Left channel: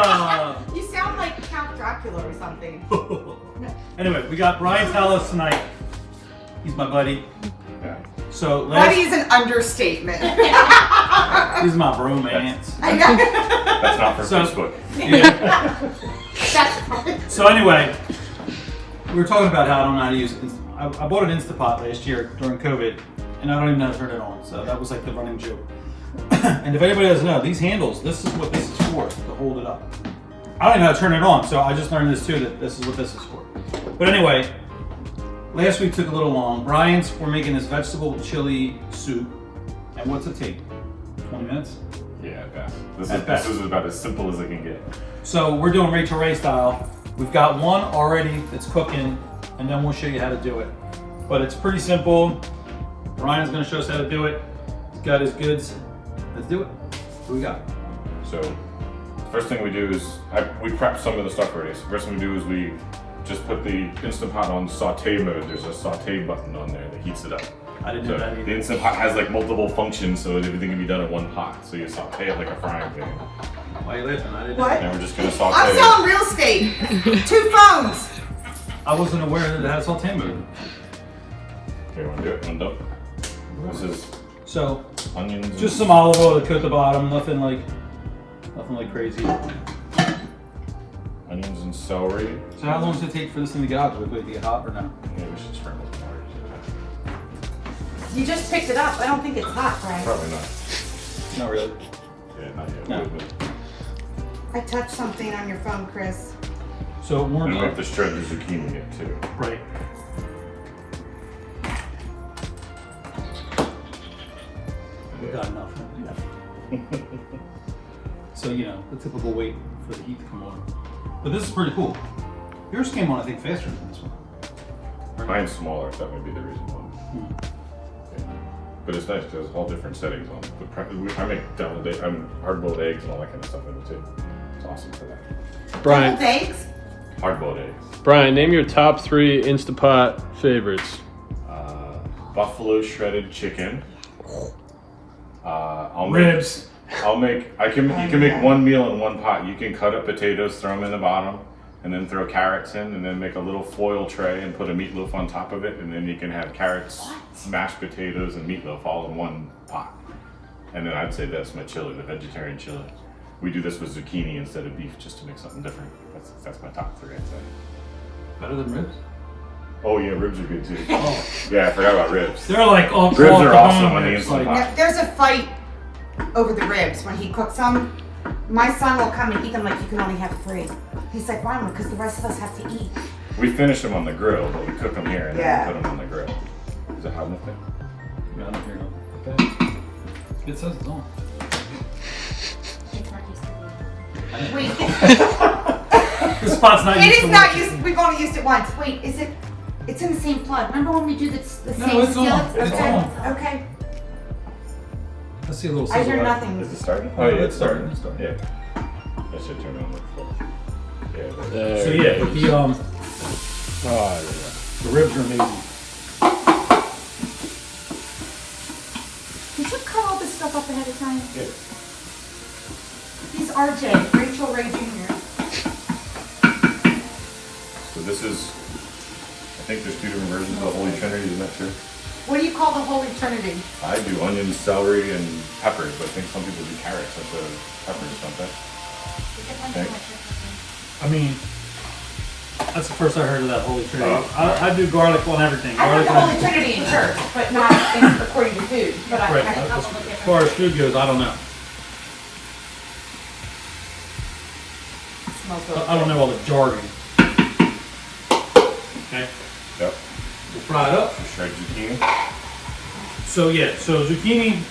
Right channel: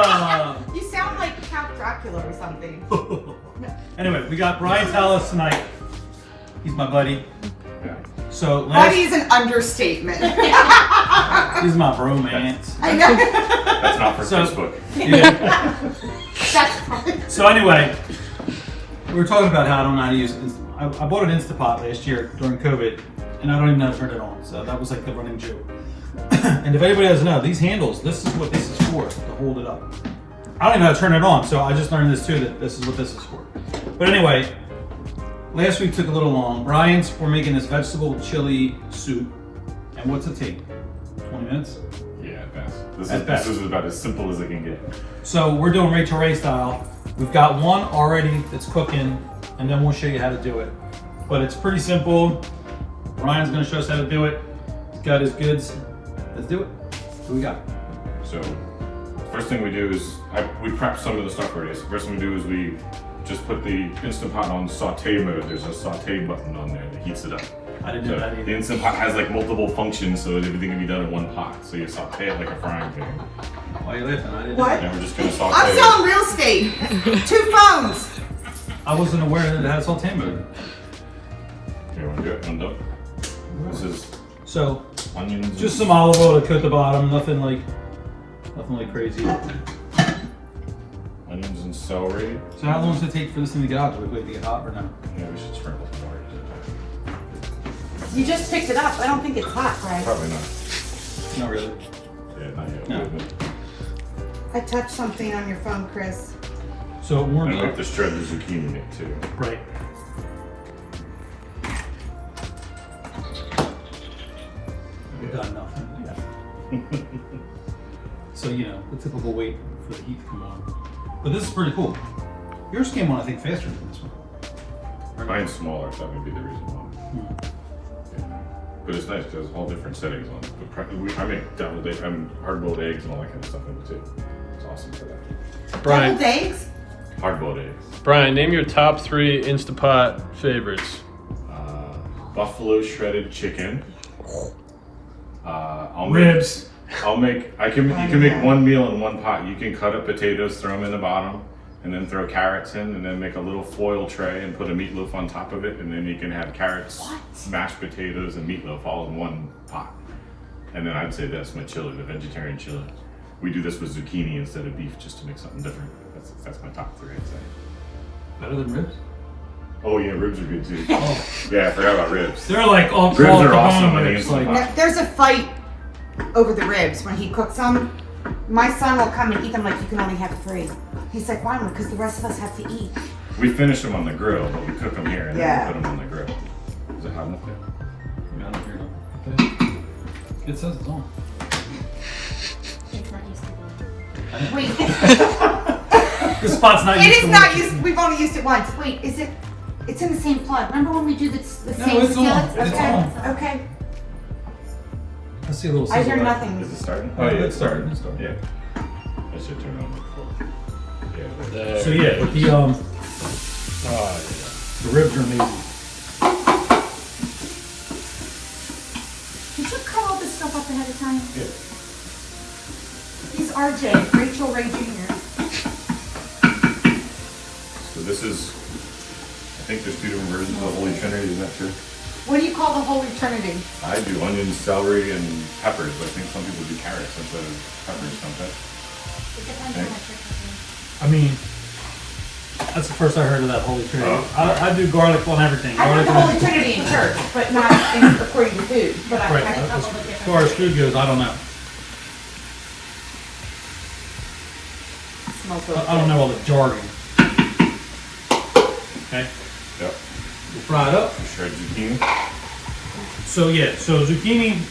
You sound like Count Dracula or something. Anyway, we got Brian's house tonight. He's my buddy. So Buddy is an understatement. He's my bromance. I know. That's not for Facebook. Yeah. That's So anyway, we were talking about how I don't know how to use it. I bought an Instapot last year during COVID, and I don't even know how to turn it on. So that was like the running joke. And if anybody doesn't know, these handles, this is what this is for, to hold it up. I don't even know how to turn it on, so I just learned this too, that this is what this is for. But anyway, last week took a little long. Brian's, we're making this vegetable chili soup. And what's it take? 20 minutes? Yeah, best. At best. This is about as simple as it can get. So we're doing Rachel Ray style. We've got one already that's cooking, and then we'll show you how to do it. But it's pretty simple. Brian's gonna show us how to do it. He's got his goods. Let's do it. What we got? So, first thing we do is, we prep some of the stuff already. So first thing we do is we just put the Instant Pot on saute mode. There's a saute button on there that heats it up. I didn't So know that the either. Instant Pot has like multiple functions, so that everything can be done in one pot. So you saute it like a frying pan. Why are you laughing? I didn't What? know. Now we're just gonna saute I'm it. selling real estate. 2 phones. I wasn't aware that it had saute mode. Do you want to do it? You want to do it? This is So onions. and- just some olive oil to coat the bottom. Nothing like crazy. onions and celery. So how long does it take for this thing to get hot? Do we wait to get hot or no? Maybe we should sprinkle some water. You just picked it up. I don't think it's hot, right? Probably not. Not really. Yeah, not yet. No. I touched something on your phone, Chris. So it warms And we have up. to shred the zucchini in it too. Right. We got enough. So you know the typical wait for the heat to come on. But this is pretty cool. Yours came on, I think, faster than this one. Mine's smaller, so that would be the reason why. Hmm. Yeah. But it's nice because it's all different settings on it. I make hard-boiled eggs and all that kind of stuff in it too. It's awesome for that. Deviled Brian, eggs? Hard-boiled eggs. Brian, name your top 3 Instapot favorites. Buffalo shredded chicken. Ribs. You can make one meal in one pot. You can cut up potatoes, throw them in the bottom, and then throw carrots in, and then make a little foil tray and put a meatloaf on top of it, and then you can have carrots, mashed potatoes, and meatloaf all in one pot. And then I'd say that's my chili, the vegetarian chili. We do this with zucchini instead of beef just to make something different. That's my top 3, I'd say. Better than ribs? Oh yeah, ribs are good too. Oh. Yeah, I forgot about ribs. They're like off Ribs off are the awesome bone when they ribs, Instant like- Pot. There's a fight over the ribs when he cooks them. My son will come and eat them like you can only have 3. He's like, why? Because the rest of us have to eat. We finish them on the grill, but we cook them here and Yeah. then we put them on the grill. Is it hot enough there? Yeah, I don't hear them. It says it's on. It's not used to be. Wait, The spot's not it used is to not working. used. We've only used it once. Wait, is it? It's in the same plug. Remember when we do the same No, it's on. skillets? It's Okay. on. Okay. Let's see a little I sizzle hear light. Is nothing. it starting? Oh, yeah, it's starting. It's starting. Yeah. That should turn on. Yeah. There So we yeah, go. but the Oh, ribs are amazing. Did you cut all this stuff up ahead of time? Yeah. He's RJ, Rachel Ray Jr. So this is, I think there's 2 different versions of the Holy Trinity, I'm not sure. What do you call the Holy Trinity? I do onions, celery, and peppers, but I think some people do carrots instead of peppers, don't they? It depends on what you're cooking. I mean, that's the first I heard of that Holy Trinity. Oh. I do garlic on everything. I know Garlic the on Holy Trinity in church, but not in, according to food. But Right. I As far as food goes, I don't know. smells really I don't know all the jargon. Okay, Yep. we'll fry it up. Shredded zucchini. So yeah, so zucchini,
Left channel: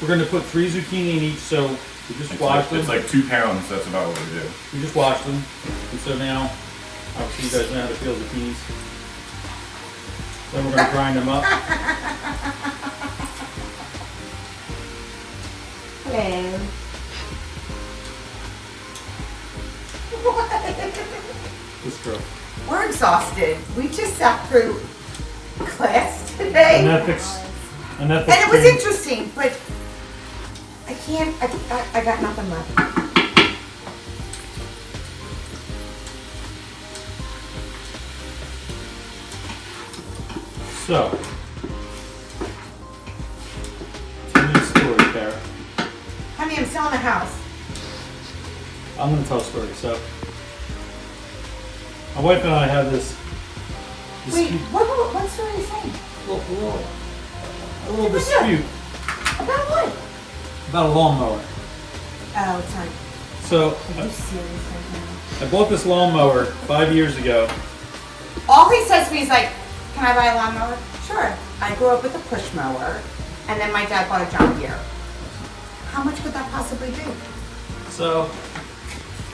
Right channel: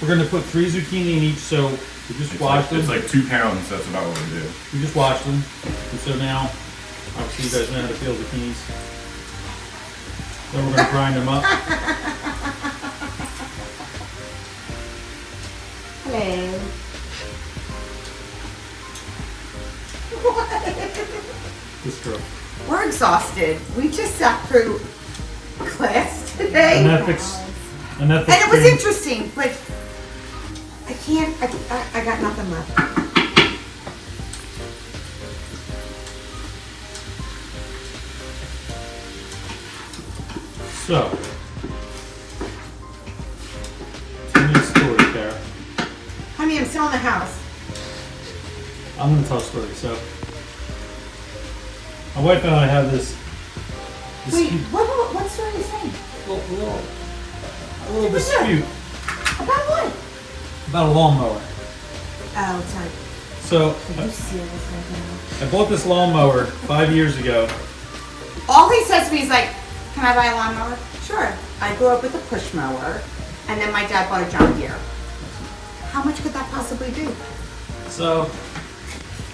we're gonna put 3 zucchini in each. So we just wash them. It's like 2 pounds, that's about what we do. We just wash them. And so now, obviously you guys know how to peel zucchinis. Then we're gonna grind them up. Hello. This girl. We're exhausted. We just sat through class today. An ethics. And it was interesting, but I can't, I got nothing left. So, tell me a story, Kara. Honey, I'm selling the house. I'm going to tell a story. So, my wife and I have this Wait, dispute. what story are you saying? A little dispute About what? about a lawnmower. Oh, sorry. So, Are you serious right now? I bought this lawnmower 5 years ago. All he says to me is like, can I buy a lawnmower? Sure. I grew up with a push mower, and then my dad bought a John Deere. How much could that possibly be? So,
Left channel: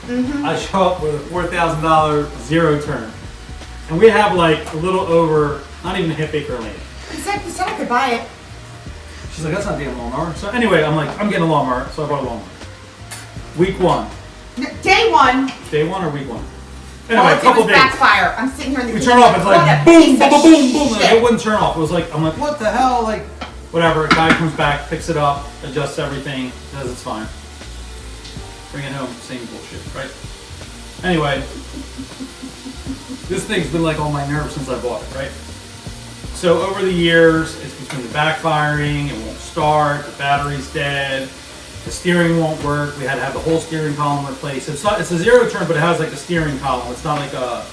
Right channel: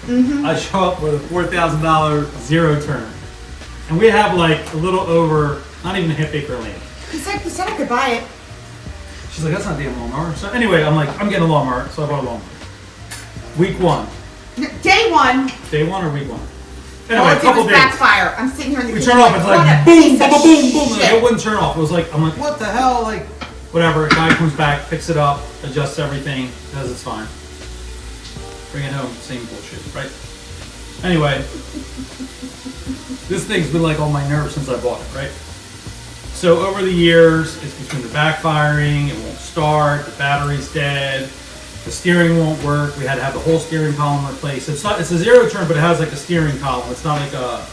I show up with a $4,000 zero turn. And we have like a little over, not even a half acre land. He's like, you said I could buy it. She's like, that's not being a lawnmower. So anyway, I'm like, I'm getting a lawnmower. So I bought a lawnmower. Week one. Day one. Day one or week one? All Anyway, I a did couple was days. backfire. I'm sitting here in the We kitchen. turn off, it's what like a boom, piece boom, of boom, boom. Like, shit. it wouldn't turn off. It was like, I'm like, what the hell? Like, whatever. Guy comes back, picks it up, adjusts everything, says it's fine. Bring it home, same bullshit, right? Anyway, this thing's been like on my nerves since I bought it, right? So over the years, it's between the backfiring, it won't start, the battery's dead, the steering won't work. We had to have the whole steering column replaced. It's a zero turn, but it has like a steering column. It's not like a,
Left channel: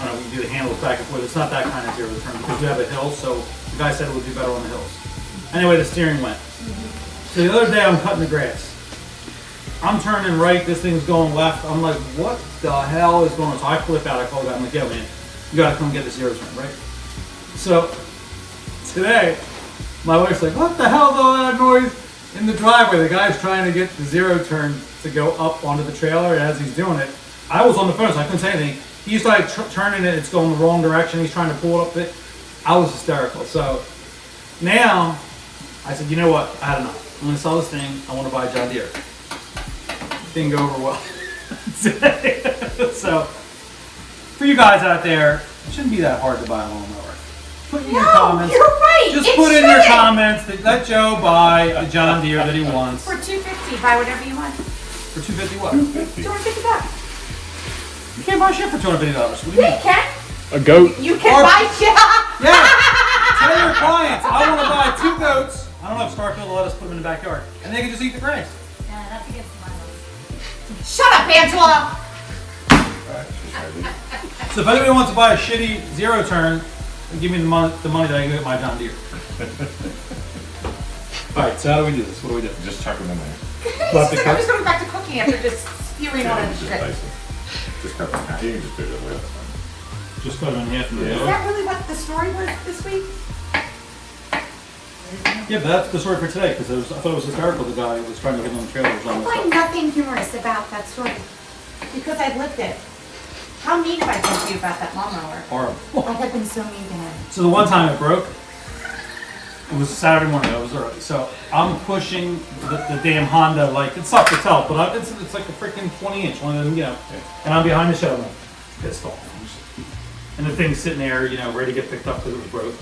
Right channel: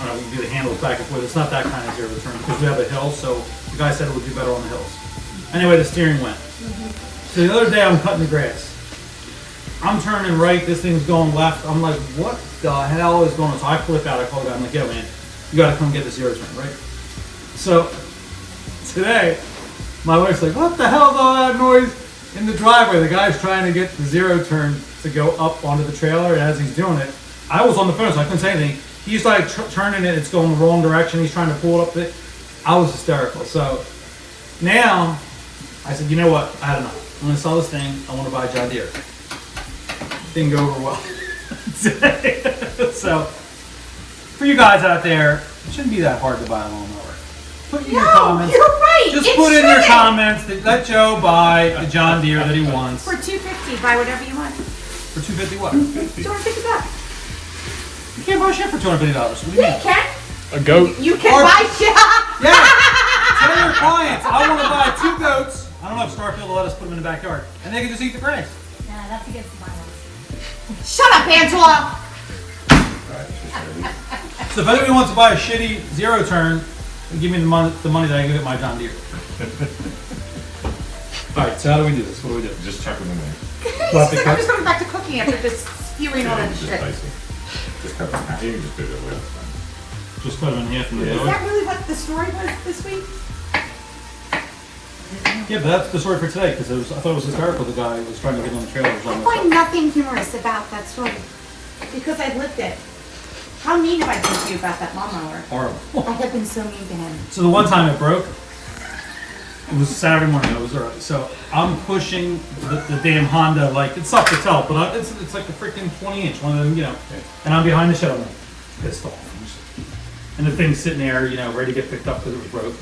I don't know, we do the handles back and forth. It's not that kind of zero turn because we have a hill, so the guy said it would be better on the hills. Anyway, the steering went. So the other day I'm cutting the grass. I'm turning right, this thing's going left. I'm like, what the hell is going on? So I flip out, I call the guy, I'm like, yo man, you gotta come get the zero turn, right? So today, my wife's like, what the hell is all that noise in the driveway? The guy's trying to get the zero turn to go up onto the trailer, and as he's doing it, I was on the phone, so I couldn't say anything. He's like turning it, it's going the wrong direction, he's trying to pull it up. I was hysterical. So now, I said, you know what, I had enough. I'm gonna sell this thing, I wanna buy a John Deere. Didn't go over well. So, for you guys out there, it shouldn't be that hard to buy a lawnmower. Put in your comments. You're right. Just it put in your shouldn't. comments that let Joe buy the John Deere that he wants. For $250, buy whatever you want. For $250 what? $250. You can't buy shit for $250. What do you Yeah, mean? you can. A goat? You can Or- buy shit. Yeah. Tell your clients, I want to buy 2 goats. I don't know if Starfield will let us put them in the backyard. And they can just eat the grass. Yeah, that's against the miles. Shut up, Angela. So if anybody wants to buy a shitty zero turn, then give me the money that I can get my John Deere. Alright, so how do we do this? What do we do? Just chuck them in there. Cut the I'm cuts? just going back to cooking after this spewing Yeah, on you can just shit. slice them. Just cut them in half. You can just do it with Just cut them in half and then Is do it. that really what the story was this week? Yeah, but that's the story for today, because I thought it was hysterical. The guy was trying to get on the trailer. I find nothing humorous about that story because I've lived it. How mean have I been to you about that lawnmower? Horrible. I have been so mean to him. So the one time it broke, it was Saturday morning. It was early. So I'm pushing the damn Honda, like it sucked itself, but it's like a freaking 20-inch one of them, you know. And I'm behind the shed. I'm like pissed off. And the thing's sitting there, you know, ready to get picked up because it was broke.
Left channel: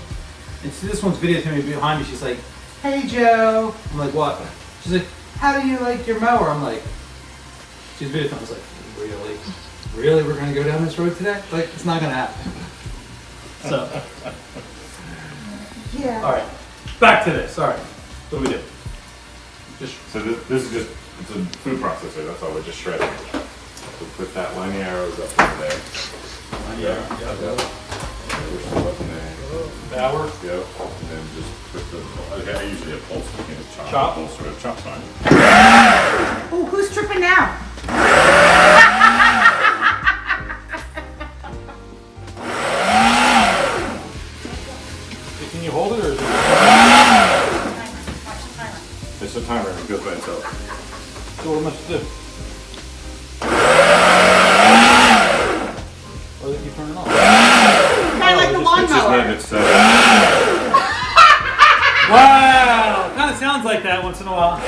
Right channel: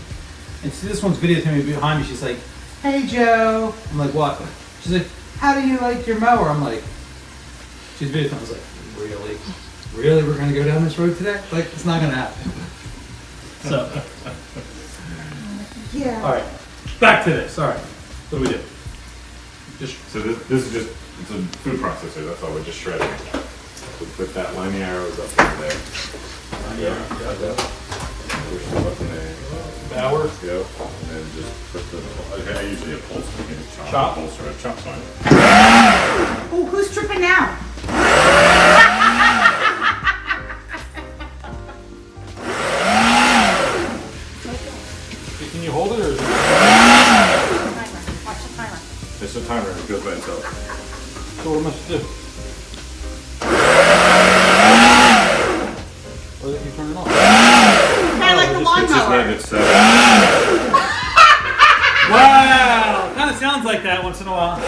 And see, this one's videotaping me behind me. She's like, "Hey Joe." I'm like, "What?" She's like, "How do you like your mower?" I'm like, she's videotaping. I was like, "Really? Really? We're gonna go down this road today? Like, it's not gonna happen." So, Yeah. all right, back to this. All right, what do we do? Just So this is just, it's a food processor, that's all, we're just shredding it. So put that line arrows up in there. Yeah. Push the button there. hour. Yeah, and then just put the, I usually a pulse, you can chop. Chop? Pulse or a chop line. Oh, who's tripping now? Can you hold it or is it? It's a timer, it goes by itself. So what am I supposed to do? Or did you turn it off? Kind of like the It's just lawnmower. name it set. Wow! Kind of sounds like that once in a while.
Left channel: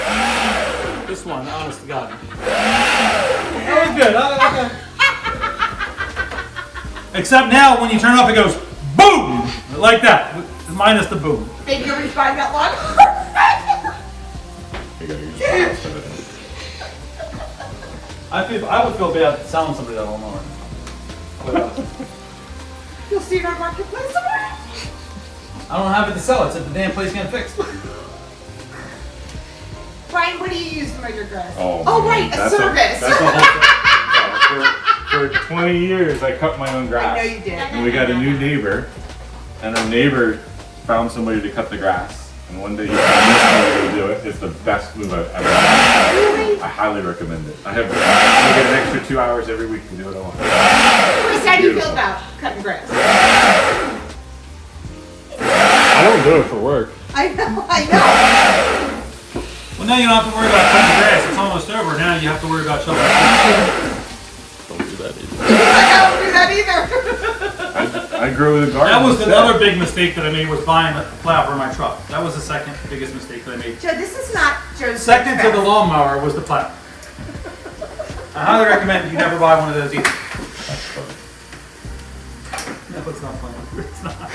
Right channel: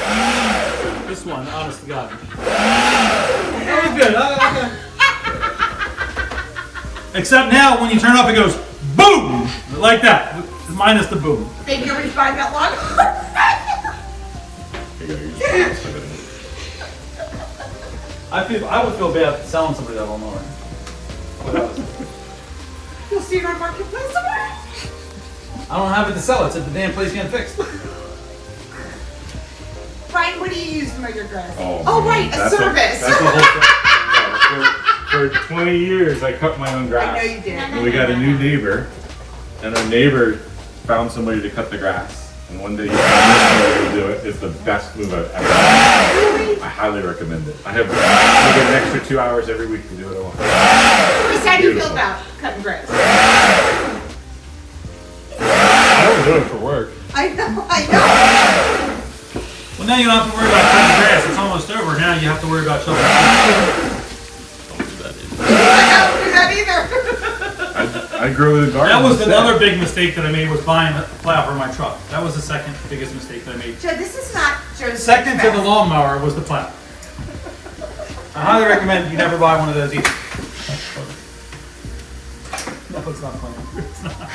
This one, honest to God. That was good. Okay. Except now, when you turn it off, it goes boom! Like that. Minus the boom. Baby, you already tried that one? You're gonna use it instead of it. I would feel bad selling somebody that lawnmower. But, You'll see her marketplace tomorrow. I don't have it to sell. It's if the damn place getting fixed. Brian, what do you use to measure grass? Oh, right, a that's service. That's the whole thing. Yeah, for 20 years, I cut my own grass. I know you did. And we got a new neighbor, and our neighbor found somebody to cut the grass. And one day he found this guy to do it. It's the best move I've ever done. I highly recommend it. I get an extra 2 hours every week to do it alone. Chris, how do you feel about cutting grass? I don't do it for work. I know. Well, now you don't have to worry about cutting grass. It's almost over. Now you have to worry about shoveling. Don't do that either. I don't do that either. I grew the garden. That was another big mistake that I made was buying a plow for my truck. That was the second biggest mistake that I made. Joe, this is not Joe's. Second to the lawnmower was the plow. I highly recommend you never buy one of those either. No, it's not funny. It's not.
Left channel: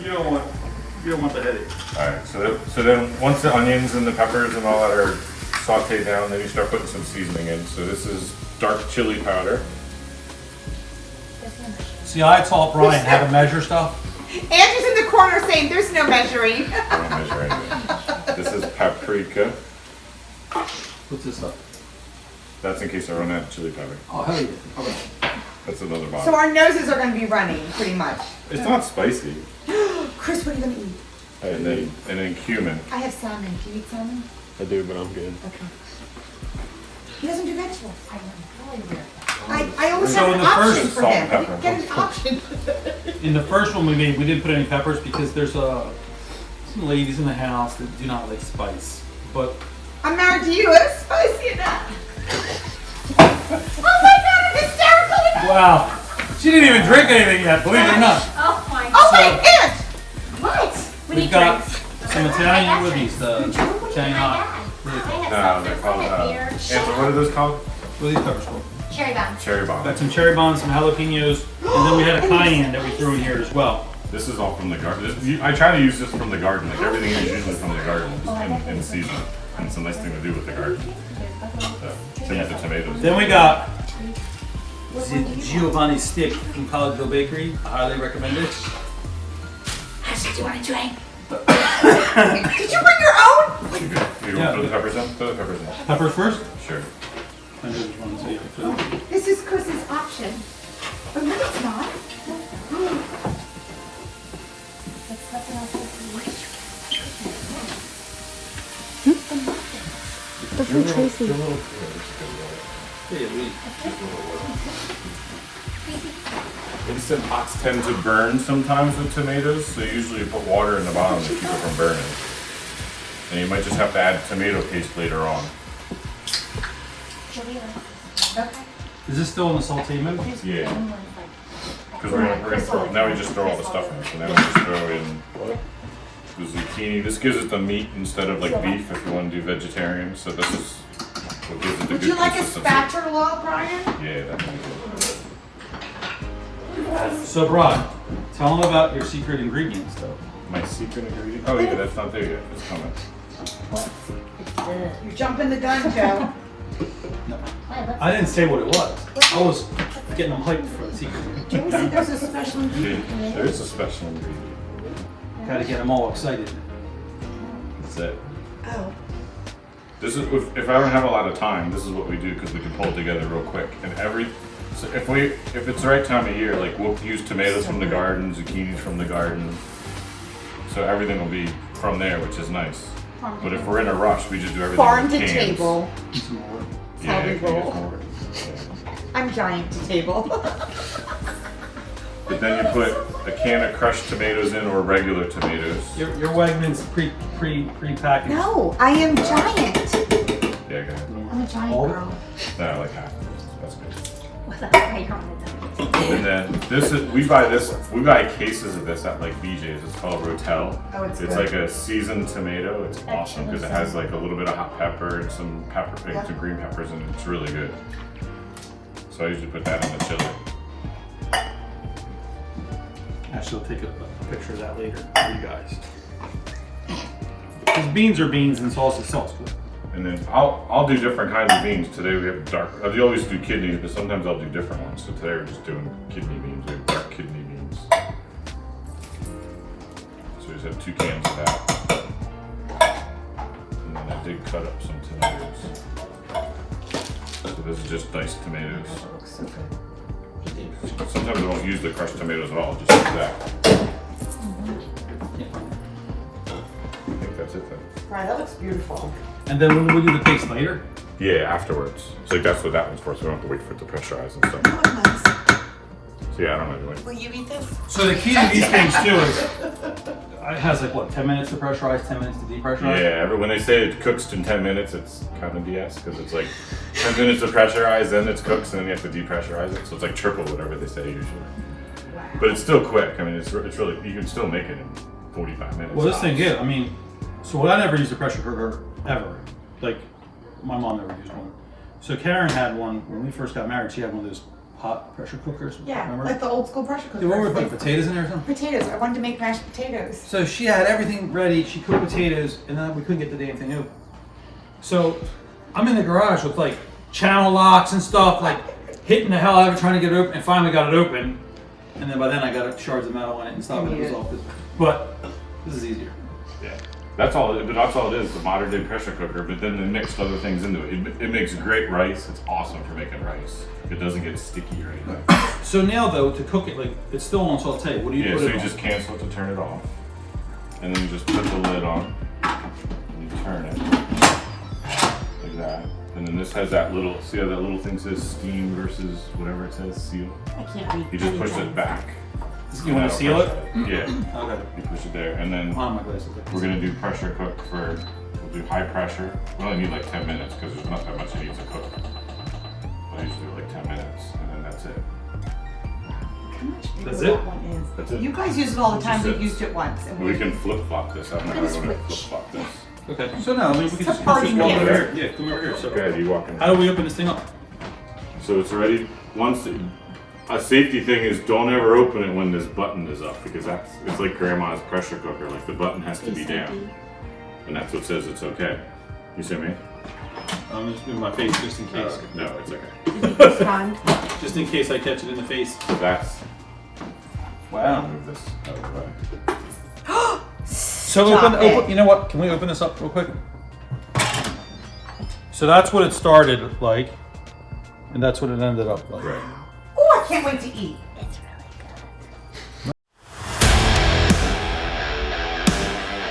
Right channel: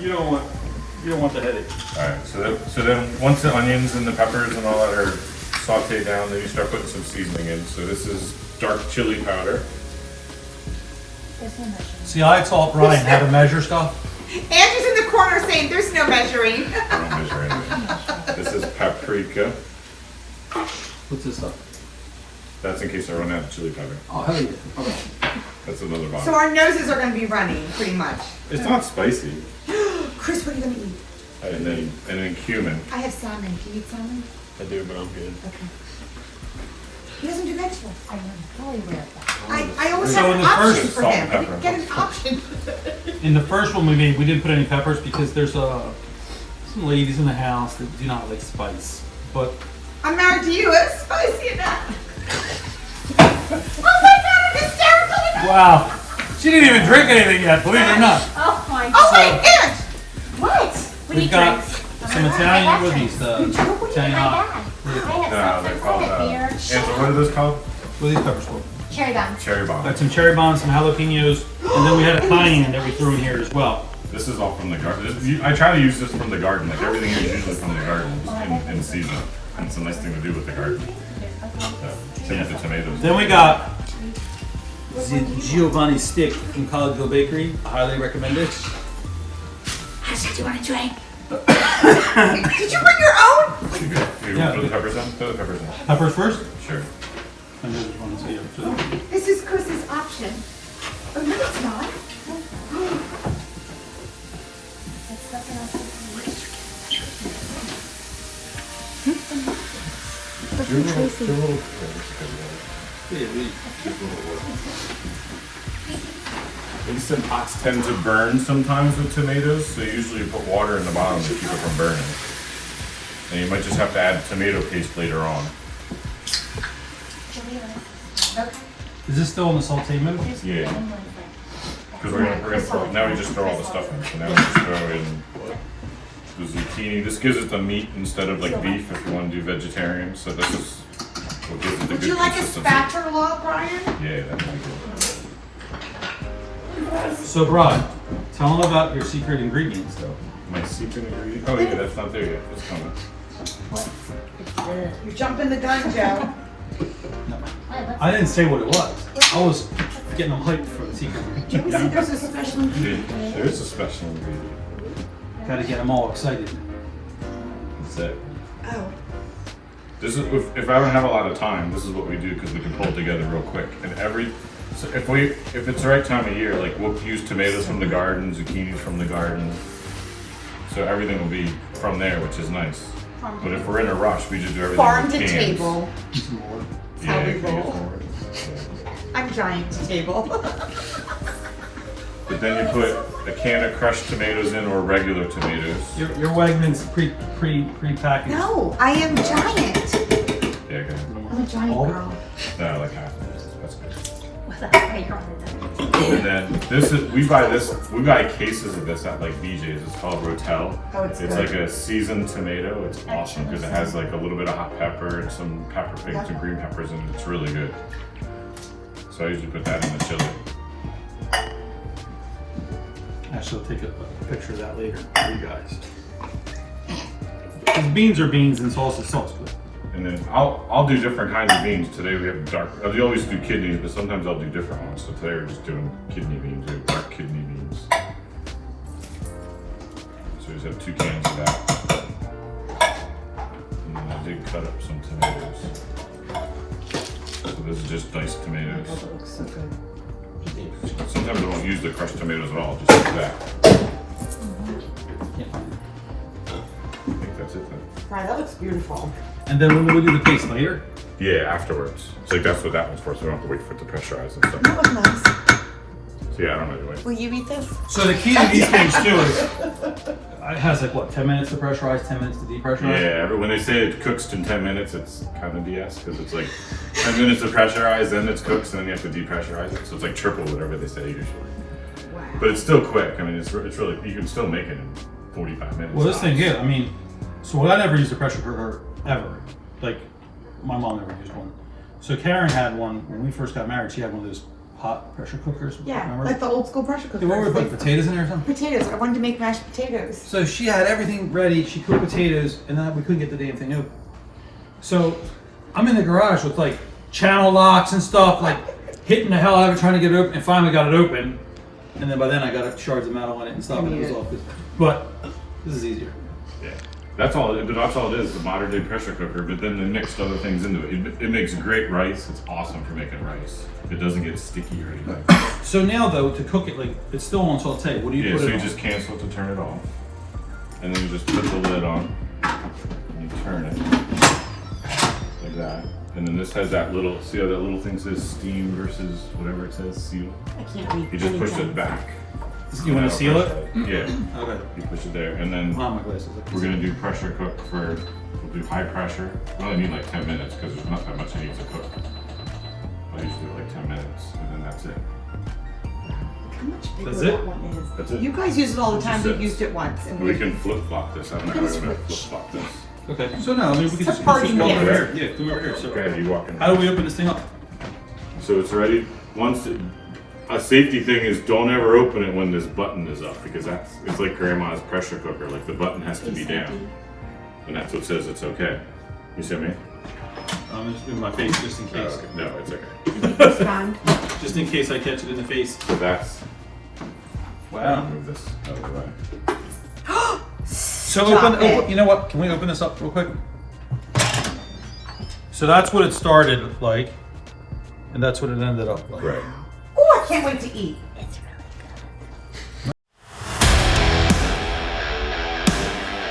You don't want the headache. Alright, so then once the onions and the peppers and all that are sauteed down, then you start putting some seasoning in. So this is dark chili powder. See, I taught Brian how to measure stuff. Andrew's in the corner saying there's no measuring. I don't measure anything. This is paprika. What's this stuff? That's in case I run out of chili powder. Oh, hell yeah. Okay. That's another So bottle. our noses are going to be running, pretty much. It's not spicy. Chris, what are you going to eat? And then cumin. I have salmon. Do you eat salmon? I do, but I'm good. Okay. He doesn't do vegetables. I am fully aware of that. I always So have in an the option first- for Salt him. and pepper. Get an option. In the first one we made, we didn't put any peppers because there's some ladies in the house that do not like spice. But I'm married to you. It's spicy enough. Oh my God, I'm hysterical. wow, she didn't even drink anything yet, believe it or not. Oh my Oh god. my gosh. What? We We've need got drinks. some Italian, what are these? The Italian hot. I had No, they're something called, like a beer. Ansel, what are those called? What are these peppers for? Cherry bombs. Cherry bomb. Got some cherry bombs, some jalapenos, and then we had a cayenne that we threw in here as well. This is all from the garden. I try to use this from the garden. Like everything is usually from the garden in season. And it's a nice thing to do with the garden. Same with the tomatoes. Then we got the Giovanni stick from Collegeville Bakery. I highly recommend it. I said you want a drink. Did you bring your own? You Yeah. want to throw the peppers in? Throw the peppers in. Peppers first? Sure. I just want to say it. This is Chris's option. Oh, no, it's not. Instant pots tend to burn sometimes with tomatoes, so usually you put water in the bottom to keep it from burning. And you might just have to add tomato paste later on. Is this still in the sauté mode? Yeah. Because we're gonna throw, now we just throw all the stuff in. So now we just throw in the zucchini. This gives it the meat instead of like beef if you want to do vegetarian. So this is what gives it the Would good you like a consistency. spatula, Brian? Yeah, that'd be good. So, Brian, tell them about your secret ingredients, though. My secret ingredient? Oh yeah, that's not there yet. It's coming. You're jumping the gun, Joe. I didn't say what it was. I was getting them hyped for the secret Joe ingredient. said there's a special ingredient. There is a special ingredient. Gotta get them all excited. That's it. Oh. This is if I ever have a lot of time, this is what we do because we can pull it together real quick. And so if it's the right time of year, like we'll use tomatoes from the garden, zucchinis from the garden. So everything will be from there, which is nice. But if we're in a rush, we just do everything Farm with to cans. table. Yeah, How we you can use roll. more. Yeah. I'm giant to table. But then you put a can of crushed tomatoes in or regular tomatoes. Your Wegmans pre-packaged. No, I am giant. Yeah, good. I'm a giant All- girl. No, like half. That's good. What's that? Right on it. And then we buy cases of this at like BJ's. It's called Rotel. Oh, it's good. like a seasoned tomato. It's awesome because it has like a little bit of hot pepper and some pepper pigs and green peppers in it. It's really good. So I usually put that in the chili. Actually, I'll take a picture of that later for you guys. Because beans are beans and salsa sauce. And then I'll do different kinds of beans. Today we have dark. I always do kidneys, but sometimes I'll do different ones. So today we're just doing kidney beans. We have dark kidney beans. just have 2 cans of that. And then I did cut up some tomatoes. So this is just diced tomatoes. Oh, that looks so good. Sometimes I won't use the crushed tomatoes at all, just use that. I think that's it then. Right, that looks beautiful. And then when we do the paste later? Yeah, afterwards. So that's what that one's for, so we don't have to wait for it to pressurize and stuff. Oh, nice. So yeah, I don't know. Will you eat this? So the key to these things too is it has like what, 10 minutes to pressurize, 10 minutes to depressurize? Yeah, when they say it cooks in 10 minutes, it's kind of BS because it's like 10 minutes to pressurize, then it's cooks, and then you have to depressurize it. So it's like triple whatever they say usually. Wow. But it's still quick. I mean, it's really, you can still make it in 45 minutes. Well, this thing, yeah, I mean, so I never used a pressure cooker ever. Like, my mom never used one. So Karen had one, when we first got married, she had one of those pot pressure cookers. Yeah, remember? like the old school pressure cooker. Dude, what were we putting, potatoes in there or something? Potatoes. I wanted to make mashed potatoes. So she had everything ready, she cooked potatoes, and then we couldn't get the damn thing open. So I'm in the garage with like channel locks and stuff, like hitting the hell out of it trying to get it open, and finally got it open. And then by then I got shards of metal on it and stuff, and it was all, but this is easier. Yeah. That's all it is, the modern day pressure cooker, but then they mixed other things into it. It makes great rice. It's awesome for making rice. It doesn't get sticky or anything. So now though, to cook it, like, it's still on saute, what do you Yeah, put so it you on? just cancel it to turn it off. And then you just put the lid on. And you turn it. Like that. And then this has that little, see how that little thing says steam versus whatever it says, seal? I can't read. You just push it back. You want to seal it? Yeah. Okay. You push it there. And then Oh, my glasses. we're gonna do pressure cook we'll do high pressure. We only need like 10 minutes because there's not that much it needs to cook. I usually do like 10 minutes and then that's it. How much bigger That's it? that one is. That's it. You guys use it all the time. That's We've it. used it once. And We can flip flop this. I don't know how It's to flip rich. flop this. Okay, so no, I mean, we can just, party come game. over here. Yeah, come over here. So, Okay, you walk in. how do we open this thing up? So it's ready. A safety thing is don't ever open it when this button is up because it's like grandma's pressure cooker. Like the button has to be down, and that's what says it's okay. You see me? I'm just doing my face just in case. No, it's okay. it's fun. Just in case I catch it in the face. So that's. Wow. Move this out of the way. So Stop it. you know what? Can we open this up real quick? So that's what it started like, and that's what it ended up like. Right. Oh, I can't wait to eat.